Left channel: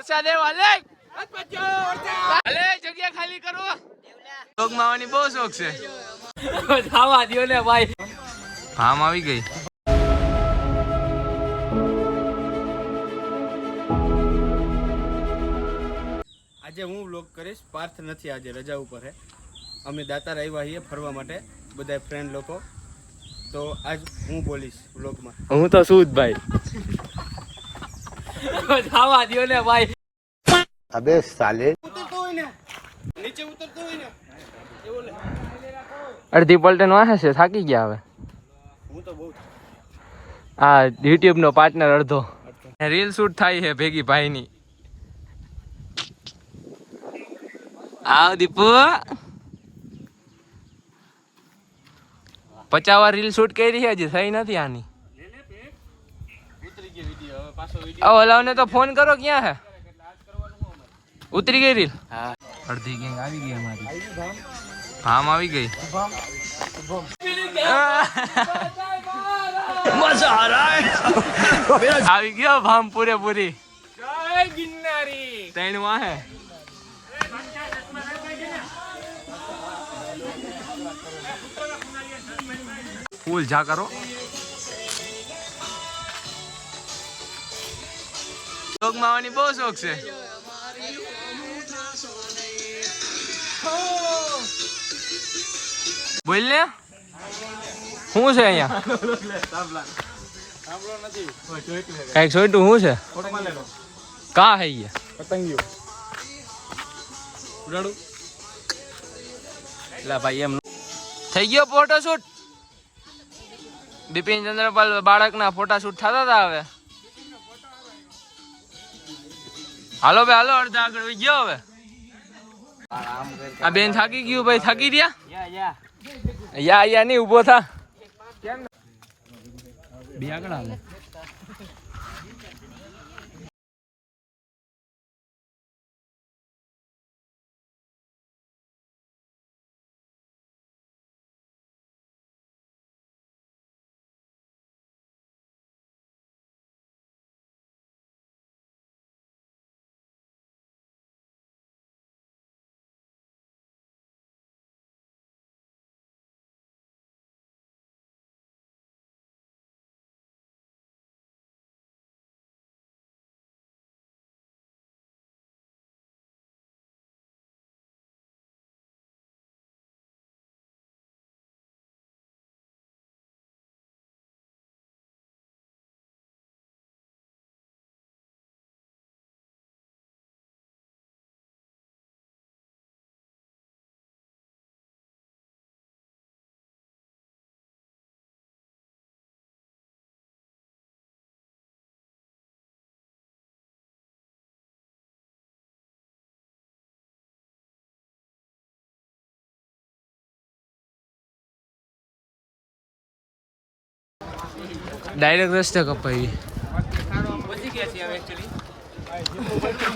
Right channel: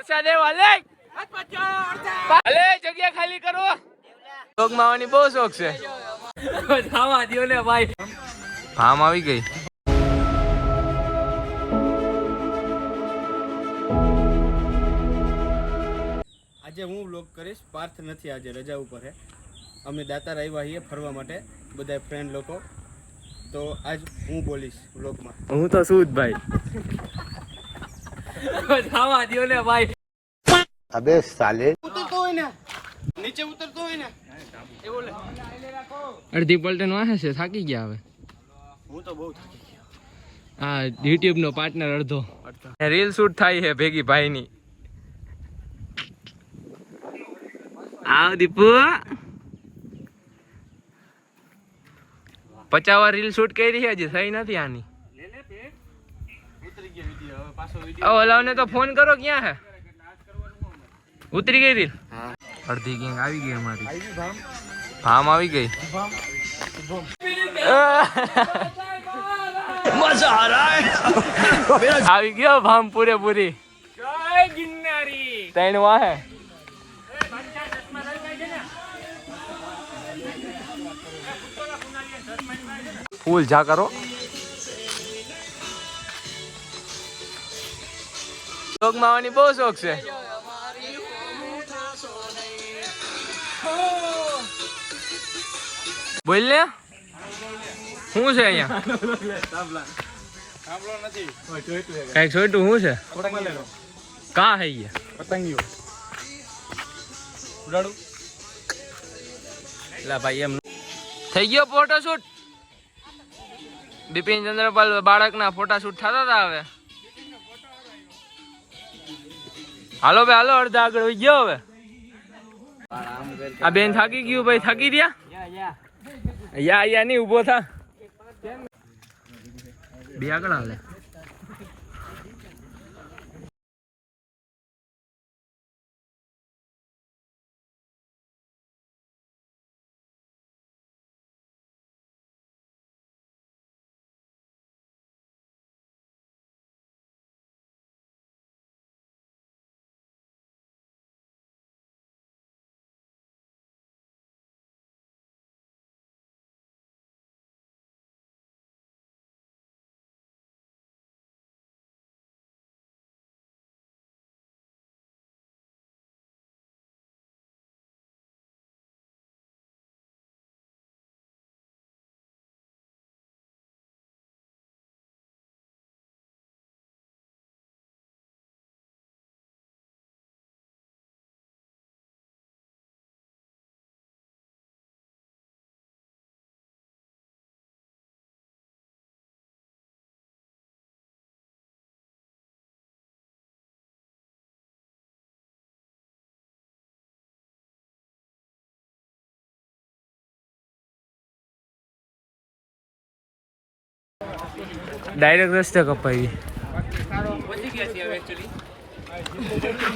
વરસાદ એવો હાલે જગ્યા ખાલી કરો લોક માવાની બહુ શોખ છે ખાવા દો ને ભાઈ આમ આવી ગઈ આજે હું વ્લોગ કરીશ પાર્થ નથી આજે રજા ઉપર હે અમે દાતાર આવ્યા છીએ ફરવા માટે બધા ફ્રેન્ડ લોકો તો આજ હું બોલીશ વ્લોગમાં હું તો શું ભાઈ ખાવા દો ને ભાઈ અબે સાલે ઉતરતો હોય ને નીચે ઉતરતો હોય ને એવું લે અડધી પલટન વાહે છે થાકી ગયા હવે હું તો બહુ આ યુટ્યુબ નો પાર્ટનર અડધો રીલ શૂટ થાય છે ભેગી ભાઈ ની આવ દીપુ 50 વાર રીલ શૂટ કરી છે હજી થઈ નથી આની ઉતરી ગઈ વિડિયો હવે પાછો વિડિયો ઓલાને તો ફોન કરો ક્યાં હે ઉતરી ગઈ રીલ અડધી ગેંગ આવી ગઈ અમારી ભામ આવી ગઈ મજા આ રહા હે આવી ગયો ભામ પૂરેપૂરી જય ગિરનારી તૈણ વાહે ફૂલ જા કરો લોક માવાની બહુ શોખ છે બોલ ને શું છે અહીંયા કઈક છોટું શું છે કા હે પતંગિયો ઉડાડું લા ભાઈ એમ થઈ ગયો ફોટોશૂટ બિપિન ચંદ્રપાલ બાળકના ફોટોશૂટ થતા હતા હવે હાલો ભાઈ હાલો અડધા આગળ વહી ગયો હવે આ બેન થાકી ગયું ભાઈ થાકી રહ્યા યા નહીં ઉભો થા બે આગળ આવે ડાયરેક્ટ રસ્તે કપાઈ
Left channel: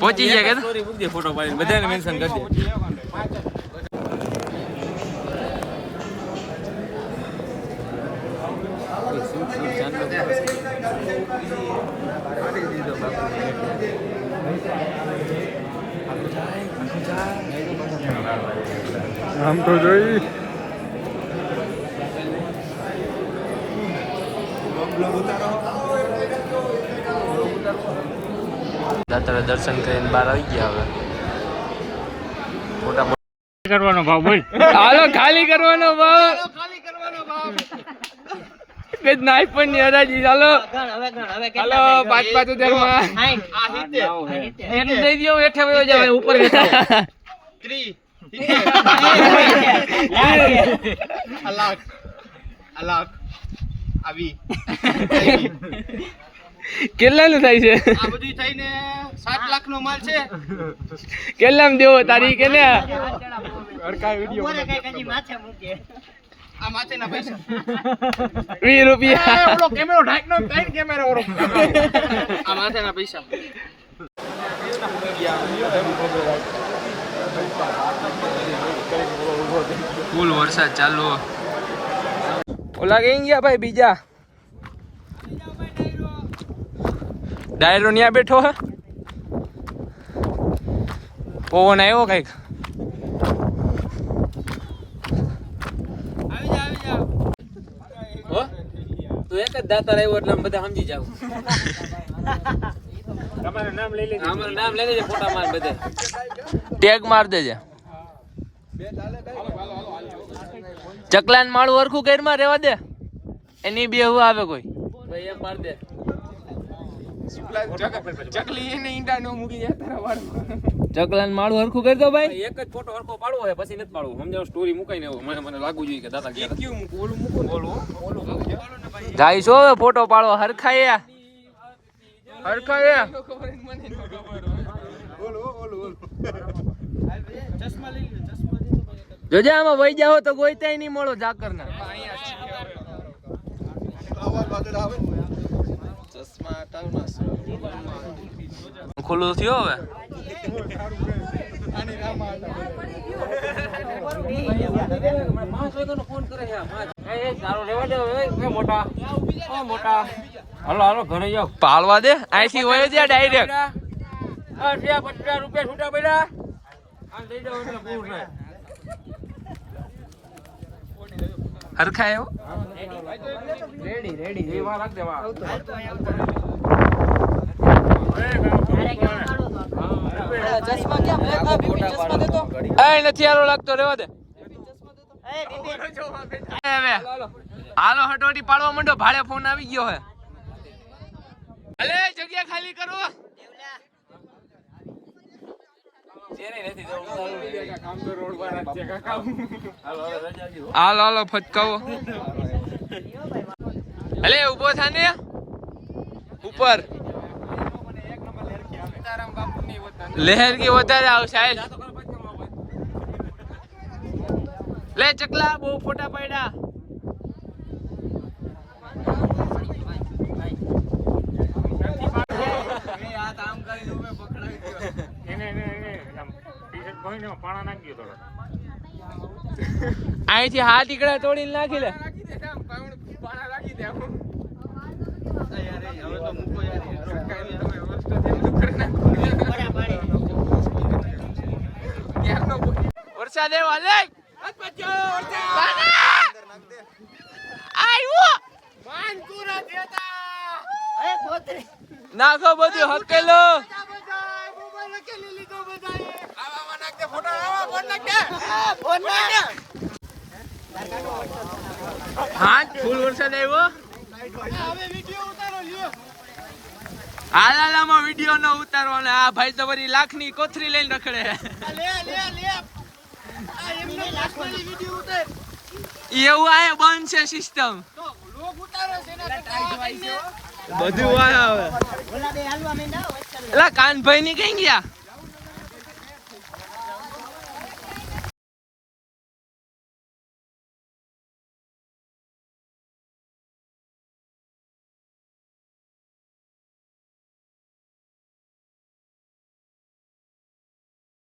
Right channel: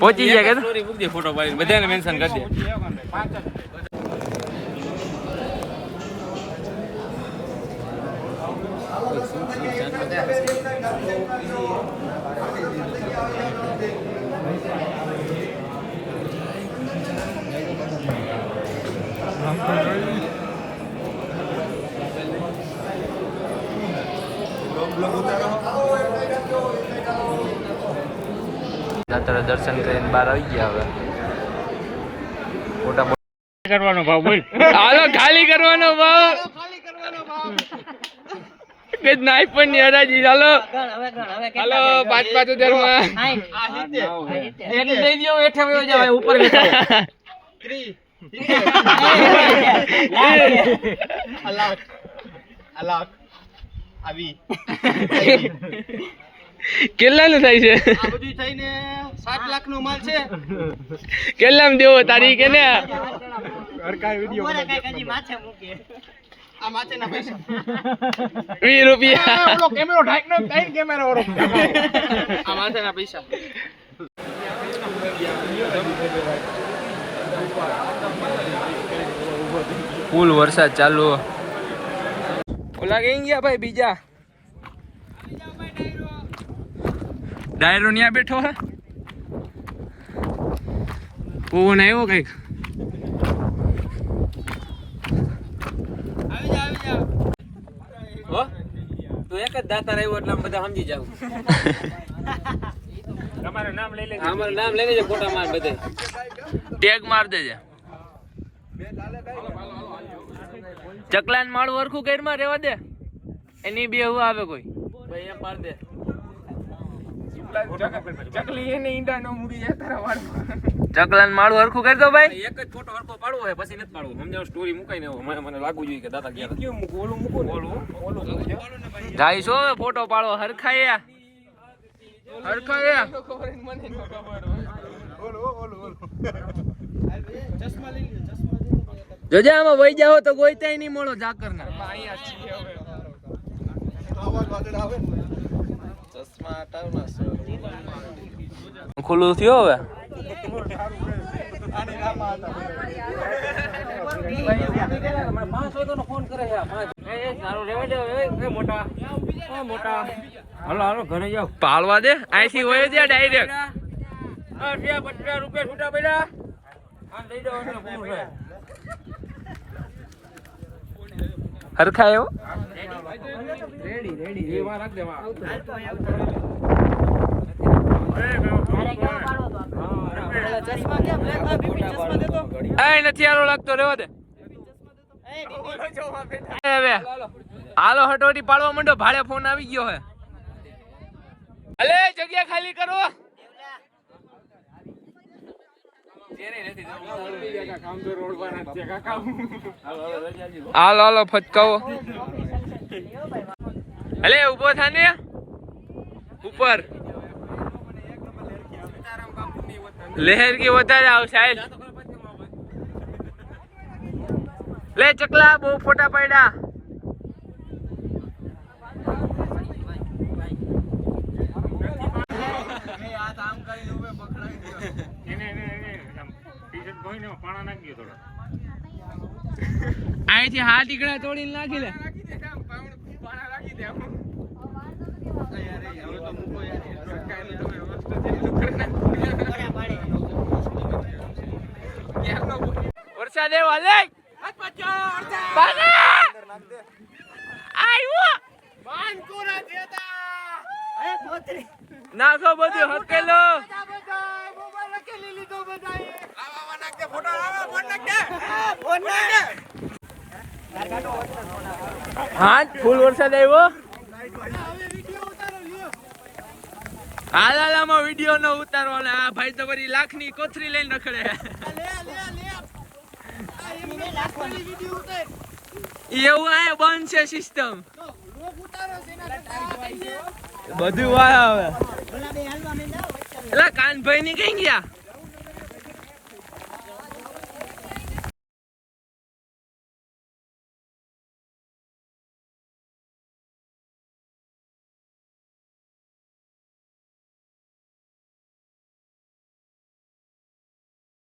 પહોંચી ગયા કે ફોટો પાડીને બધાને મેન્શન કરી દે દાતારે દર્શન કરીને બહાર આવી ગયા હવે ફોટા કરવાનો ભાવ બોલ હાલો ખાલી કરવાનો ભાવ કે નાઈ પણ ની હરાજી હાલો હાલો પાંચ પાંચ દેવા એને દઈ દયો એઠે વયો જાય ઉપર અલાક આવી કેટલાનું થાય છે આ બધું થઈને 7 લાખ નો માલ છે કેટલામાં દેવો તારીખ કે ને હરકાય વિડિયો માથે મૂકે આ માથેના પૈસા 20 રૂપિયા ઓલો કેમેરો ઢાક નો કઈ કેમેરો ઓરો આ માથેના પૈસા ફૂલ વરસાદ ચાલુ ઓલા કઈ ગયા ભાઈ બીજા ડાયરો ન્યા બેઠો હે પવન આવ્યો કઈક. આવી જાવ હો તું એક જ દાતાર આવ્યો એટલે અમે બધા સમજી જાવ. તમારું નામ લઈ લેજો. અમારું નામ લઈ લેજે, ફોટા માર બધે ટેગ માર દેજે. ચકલાન માળું હરખું ઘરમાં રહેવા દે, એની બે હું આવે કોઈ ભાઈ એમ માર દે. ચકલી એને ઈંડા નો મૂકી જાય તારા વાળમાં. ચકલાન માળું હરખું કરી દો ભાઈ. એક જ ફોટો હરખો પાડવો હોય પછી નથી પાડવો. સમજાવ સ્ટોરી મુકાઈ ને મને લાગુ જોઈએ કે દાદા ગયા ક્યું મૂકું ઓલું મૂકું ઓલું જાય છો ફોટો પાડવો હરખાય હરખાય ખબર મને ન ખબર ચશ્મા લઈ લ્યો ચશ્મા દે તો જોજે આમાં વહી જાઓ તો ગોઈતાય નહીં મળો જાકર ના. અહીંયા છે હવે ચશ્મા હટાવના ખુલ્લું થયો હવે. પાળવા દે અહીંથી વયો જાય ડાયરેક્ટ. હરખાયો નથી હારો લાગતો, રેવા દે. હવે હાલો હટોટી પાડવા માંડો, ભાડે ફોન આવી ગયો હે. અલે જગ્યા ખાલી કરો. હાલો હાલો ફટકાવો. અલે ઉભો થા ને ઉપર. લહેર की વધારે આવશે સાહેબ. લે ચકલા બહુ ફોટા પડ્યા. અહીંથી હાથ ઈકડા તોડીને નાખી લે. વરસાદ એવા લે નાખો બધું હકેલો. હા ફૂલ વરસાદ આવ્યો. હાલાલામાં વિડીયો નો ઉતારો. આ ભાઈ તો વળી લાખની કોથરી લઈને રખડે. એવું આ બંધ છે સિસ્ટમ બધું આવે. એલા કાનભાઈ ની કઈ ગયા?